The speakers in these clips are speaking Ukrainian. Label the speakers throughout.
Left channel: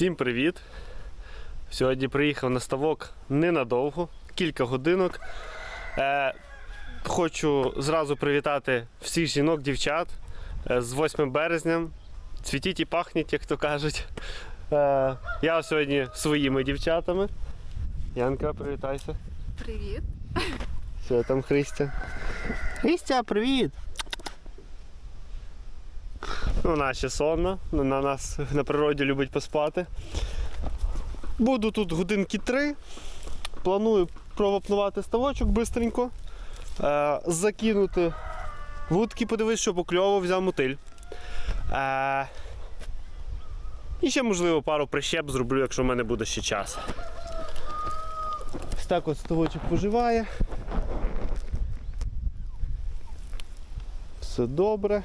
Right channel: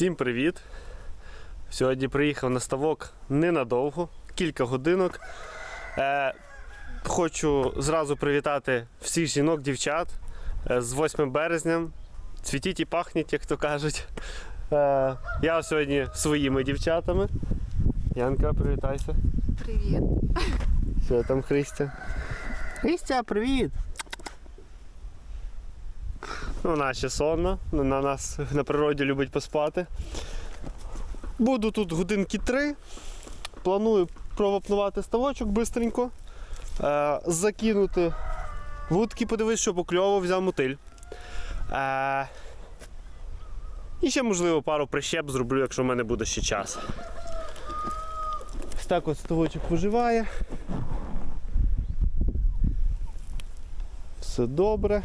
Speaker 1: Всім привіт! Сьогодні приїхав на ставок ненадовго, кілька годинок. Е, хочу зразу привітати всіх жінок, дівчат е, з 8 березня. Цвітіть і пахніть, як то кажуть. Е, я сьогодні своїми дівчатами. Янка, привітайся.
Speaker 2: Привіт.
Speaker 1: Що там, Христя? Христя, привіт! Ну, ще сонна, на нас на природі любить поспати. Буду тут годинки три. Планую провапнувати ставочок бистренько. Е, закинути вудки, подивись, що покльово, взяв мотиль. Е, і ще, можливо, пару прищеп зроблю, якщо в мене буде ще час. Ось так от ставочок поживає. Все добре.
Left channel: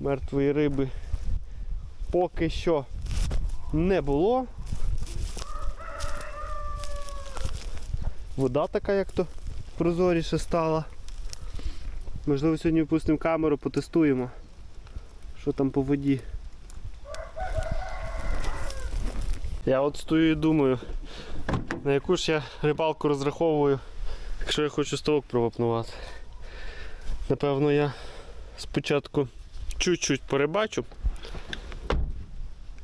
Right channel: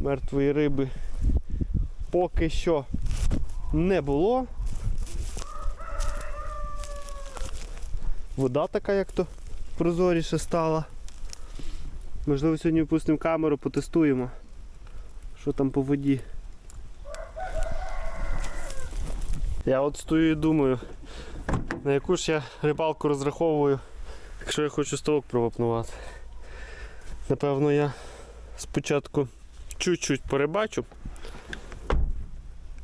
Speaker 1: Мертвої риби поки що не було. Вода така як то прозоріше стала. Можливо, сьогодні впустимо камеру, потестуємо, що там по воді. Я от стою і думаю, на яку ж я рибалку розраховую, якщо я хочу ставок провапнувати. Напевно, я спочатку чуть-чуть порибачу,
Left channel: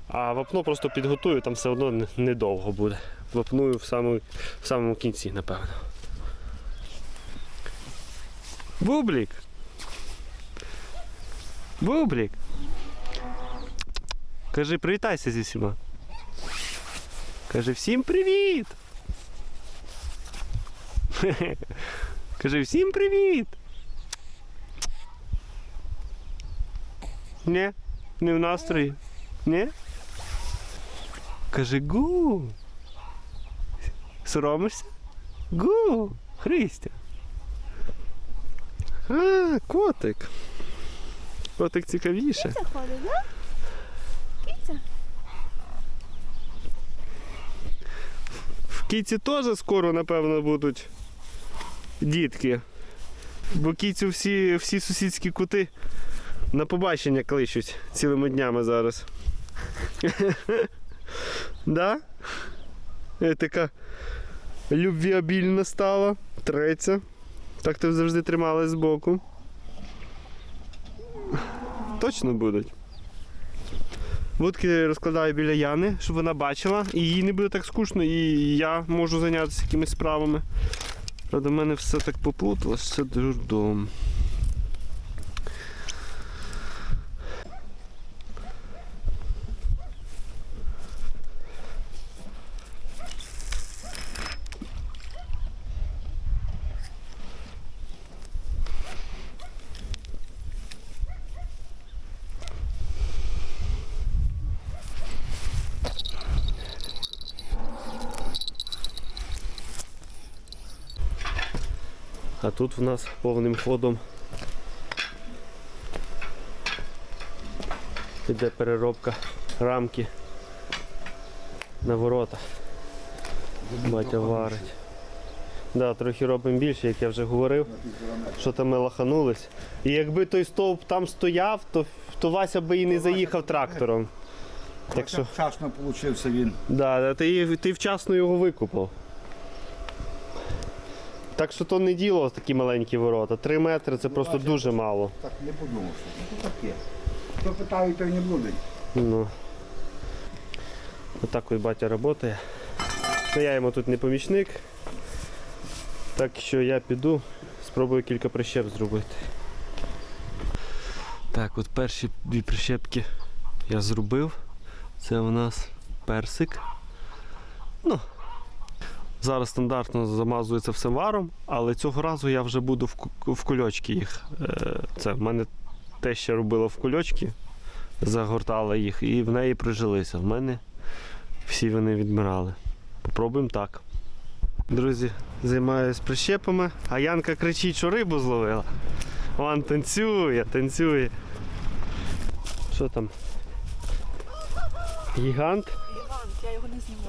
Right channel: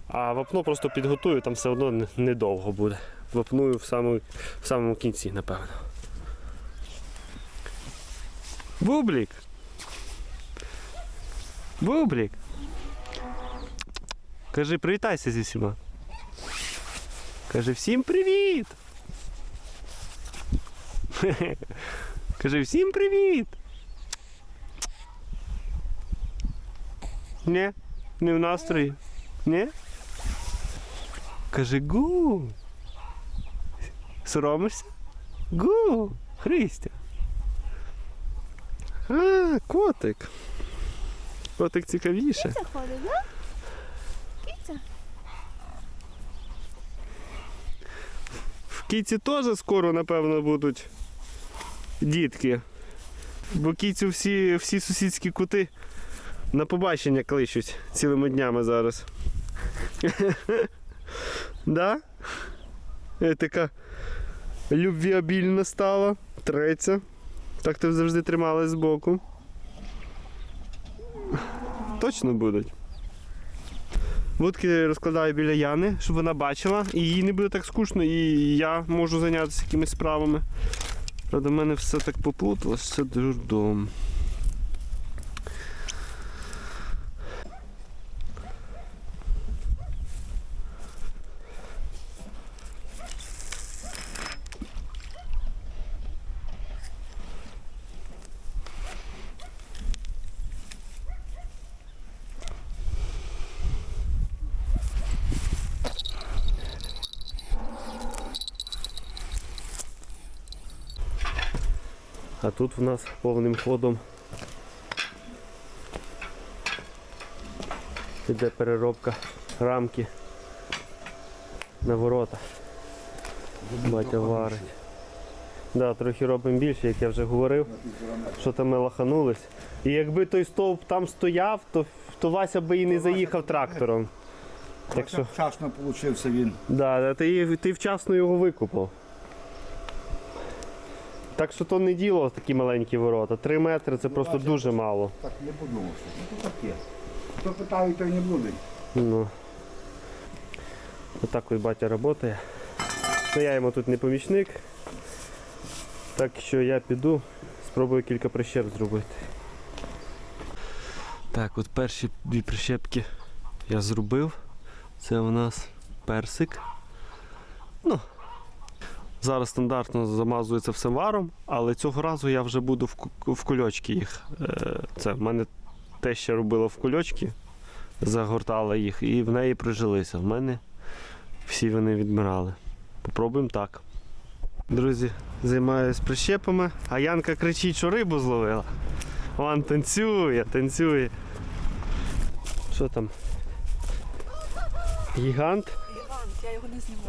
Speaker 1: а вапно просто підготую, там все одно недовго буде. Вапную в самому, в самому кінці, напевно. Бублік! Бублік! Кажи, привітайся зі всіма. Кажи всім привіт! Кажи всім привіт! Ні? Не в настрої? Ні? Кажи гу. Соромишся? Гу. Христя. А, котик. Котик цікавіше.
Speaker 2: Це ходить, да? Киця?
Speaker 1: В кіці теж скоро, напевно, будуть дітки. Бо кіцю всі, всі сусідські кути на побачення кличуть цілими днями зараз. да? Е, Така любвіабільна стала, треться. Так ти завжди трималась збоку. Точно будуть. Вудки розкладаю біля Яни, щоб вона бачила, і їй не буде так скучно, і я можу зайнятися якимись справами. Правда, в мене все так поплуталось, це дурдом. А тут в нас повним ходом іде переробка рамки на ворота. Батя варить. Да, трохи робимо більше, як я вже говорив, що там ми лаханулись. І якби той стовп там стояв, то, то Вася би і не заїхав трактором. Так що,
Speaker 3: Вчасно получився він.
Speaker 1: да, ти, ти вчасно його викупав. Так що то не діло такі маленькі ворота. Три метри це просто дуже мало.
Speaker 3: Так не подумав, що ну, таке. Хто питає, той не буде.
Speaker 1: Ну. Отак ось батя працює. Ну, я йому тут не помічник. Так що я піду, спробую кілька прищеп зробити. Так, от перші дві прищепки я зробив. Це у нас персик. Ну, зараз стандартно замазується все варом, але цього разу я вже буду в, ку- в кульочки їх. Е, Це в мене те, що робила в кульочки загортала їх і в неї прижилися. В мене всі вони відмирали. Попробуємо так. Друзі, займаюся прищепами, а Янка кричить, що рибу зловила. Вон танцює, танцює. Що там? Гігант?
Speaker 2: Гігант, я його не зніму.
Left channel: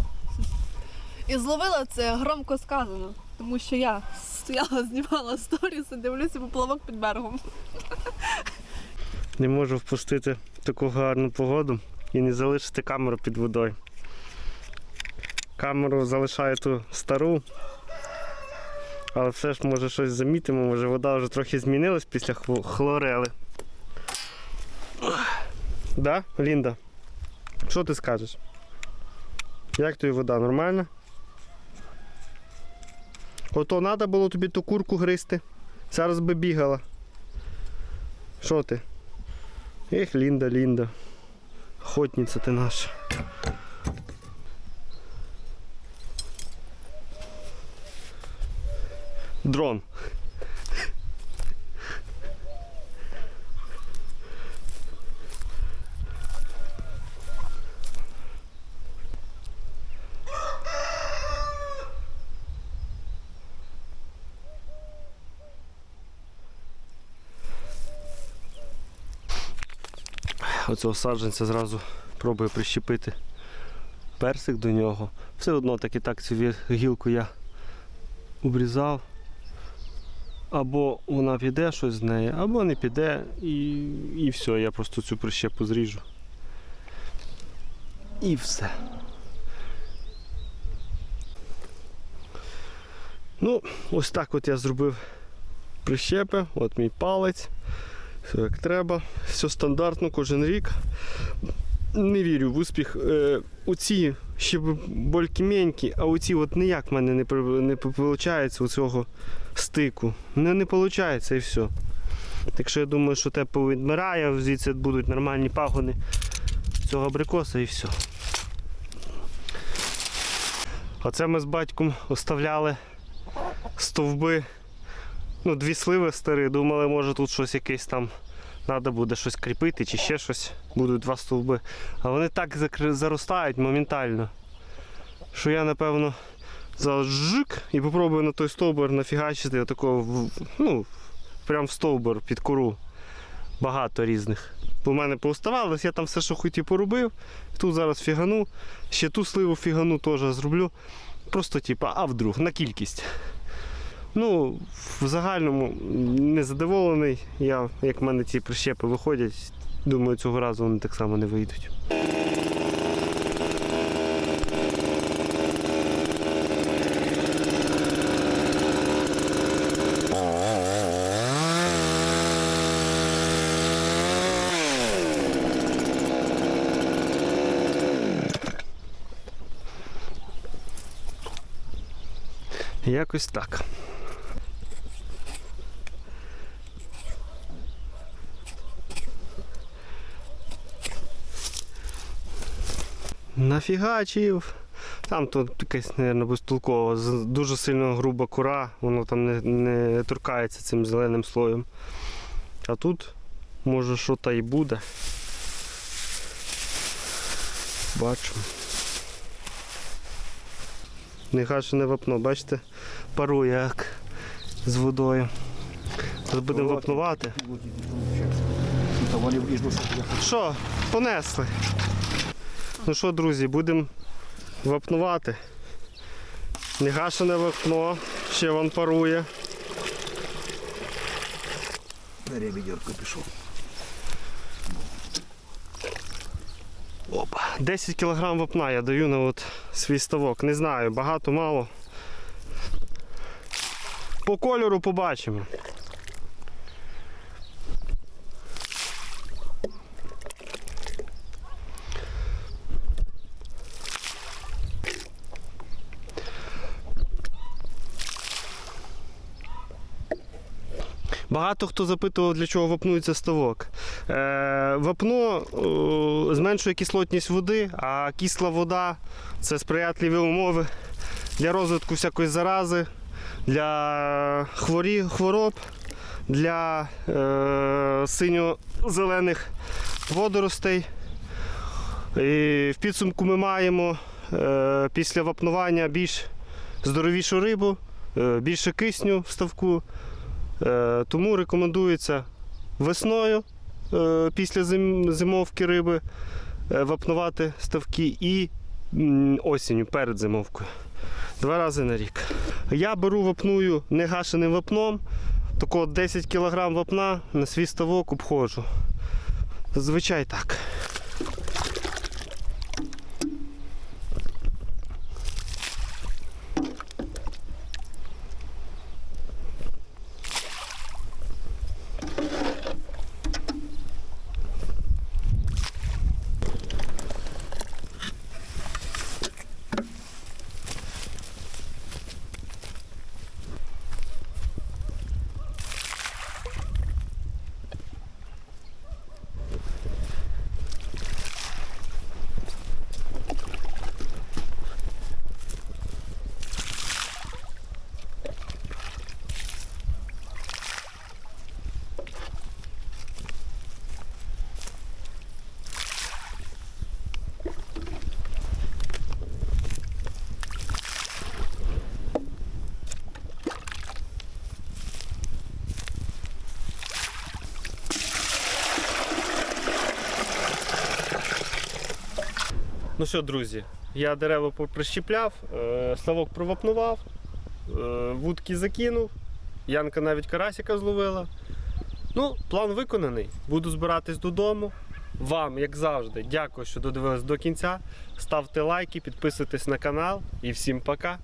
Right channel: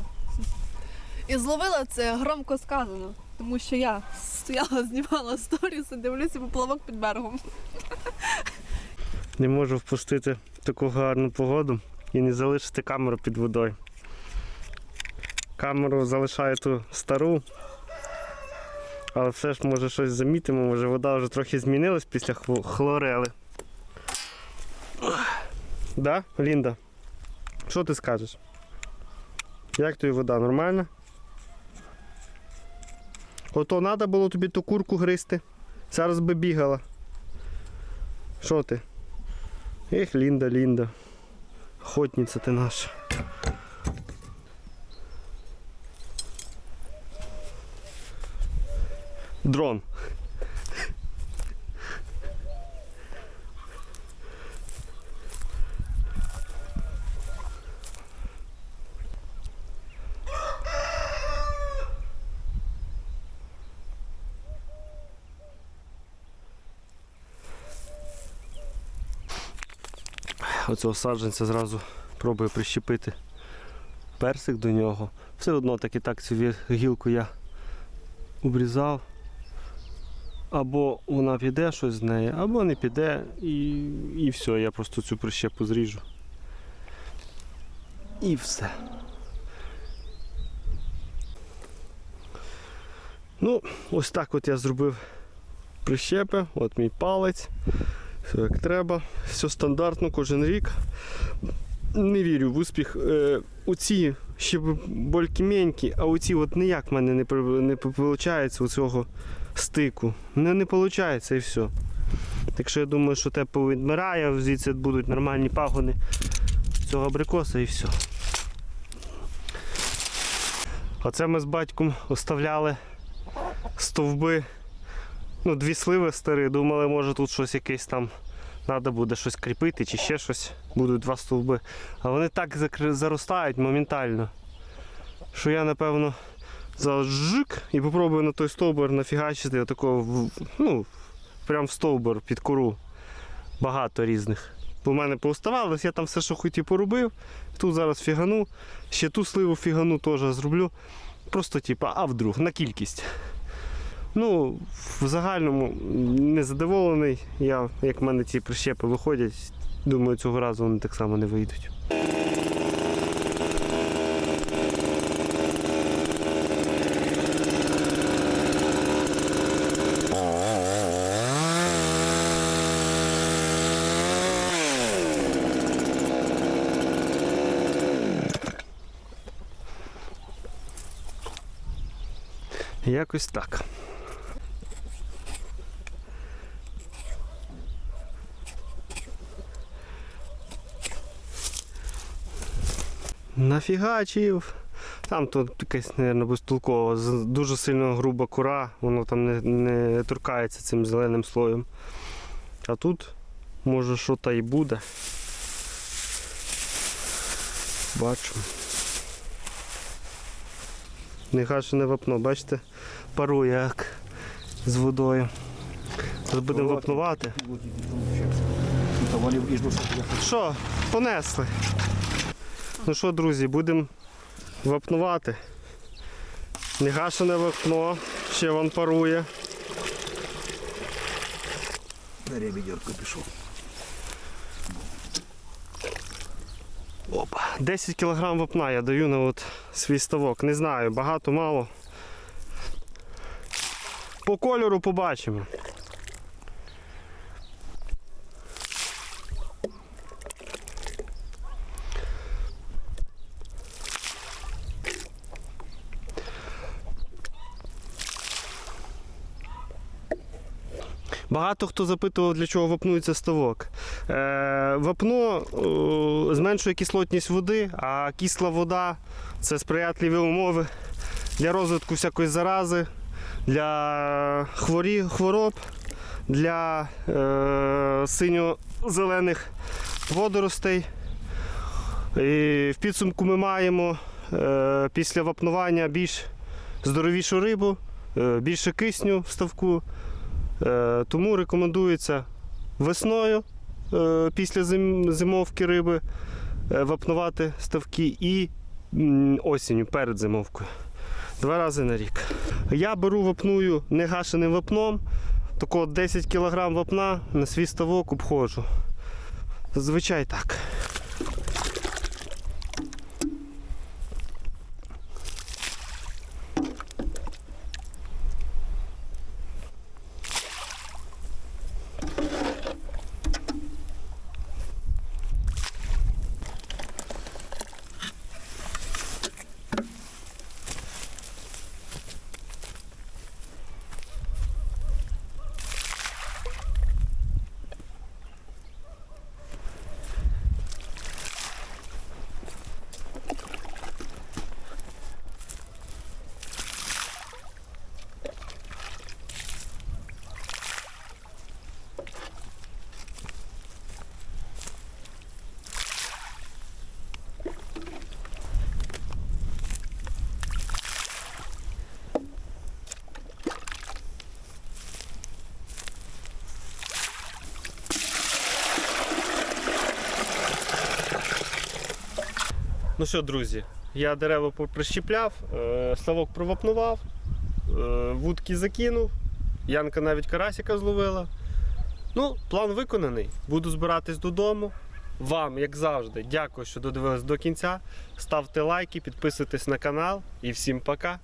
Speaker 2: І зловила це громко сказано, тому що я стояла, знімала сторіс і дивлюся поплавок під берегом.
Speaker 1: Не можу впустити таку гарну погоду. і не залишити камеру під водою. Камеру залишаю ту стару. Але все ж може щось замітимо, може вода вже трохи змінилась після хлорели. Да, Лінда? Що ти скажеш? Як тобі вода? Нормальна? Ото треба було тобі ту курку гризти. Зараз би бігала. Що ти? Ех, Лінда, Лінда. Охотниця ти наша. Дрон. Оцього саджанця зразу пробую прищепити персик до нього. Все одно так і так цю гілку я обрізав. Або вона піде щось з неї, або не піде і, і все, я просто цю прищепу зріжу. І все. Ну, ось так от я зробив прищепи, от мій палець. Все як треба, все стандартно кожен рік. Не вірю в успіх. Е, оці ще б болькіменькі, а оці от ніяк в мене не, не виходить у цього стику. Не, не виходить і все. Так що я думаю, що те повідмирає, звідси будуть нормальні пагони цього абрикоса і все. Оце ми з батьком оставляли стовби ну, дві сливи старі, думали, може тут щось якесь там треба буде щось кріпити чи ще щось. Будуть два стовби. А вони так заростають моментально, що я, напевно, зараз жик і попробую на той стовбур нафігачити отакого, в- ну, прям в стовбур під кору. Багато різних. Бо в мене пооставалось, я там все, що хотів, поробив. Тут зараз фігану, ще ту сливу фігану теж зроблю. Просто, типа, а вдруг, на кількість. Ну, в загальному не задоволений. Я, як в мене ці прищепи виходять, думаю, цього разу вони так само не вийдуть. Якось так. Нафігачив. Там тут якась, мабуть, безтолкова, з- дуже сильно груба кора, воно там не, не торкається цим зеленим слоєм. А тут, може, що та й буде. Бачимо. Негашене вапно, бачите, парує як з водою. Зараз будемо вапнувати.
Speaker 3: Що,
Speaker 1: понесли. Ну що, друзі, будемо вапнувати. Негашене вапно, ще вон парує.
Speaker 3: на ребідерку пішов.
Speaker 1: Опа. 10 кг вапна я даю на от свій ставок. Не знаю, багато, мало. По кольору побачимо. Багато хто запитував, для чого вапнується ставок. Е, вапно е, зменшує кислотність води, а кисла вода це сприятливі умови для розвитку всякої зарази, для хворі, хвороб, для е, синьо-зелених водоростей. І в підсумку ми маємо після вапнування більш здоровішу рибу, більше кисню в ставку. Е, Тому рекомендується весною е, після зимовки риби е, вапнувати ставки і осінню перед зимовкою. Два рази на рік. Я беру вапную негашеним вапном, такого 10 кг вапна на свій ставок обходжу. Зазвичай так. Що, друзі, я дерева прищіпляв, е, ставок провапнував, е, вудки закинув, Янка навіть карасика зловила. Ну, план виконаний. Буду збиратись додому. Вам, як завжди, дякую, що додивились до кінця. Ставте лайки, підписуйтесь на канал і всім пока.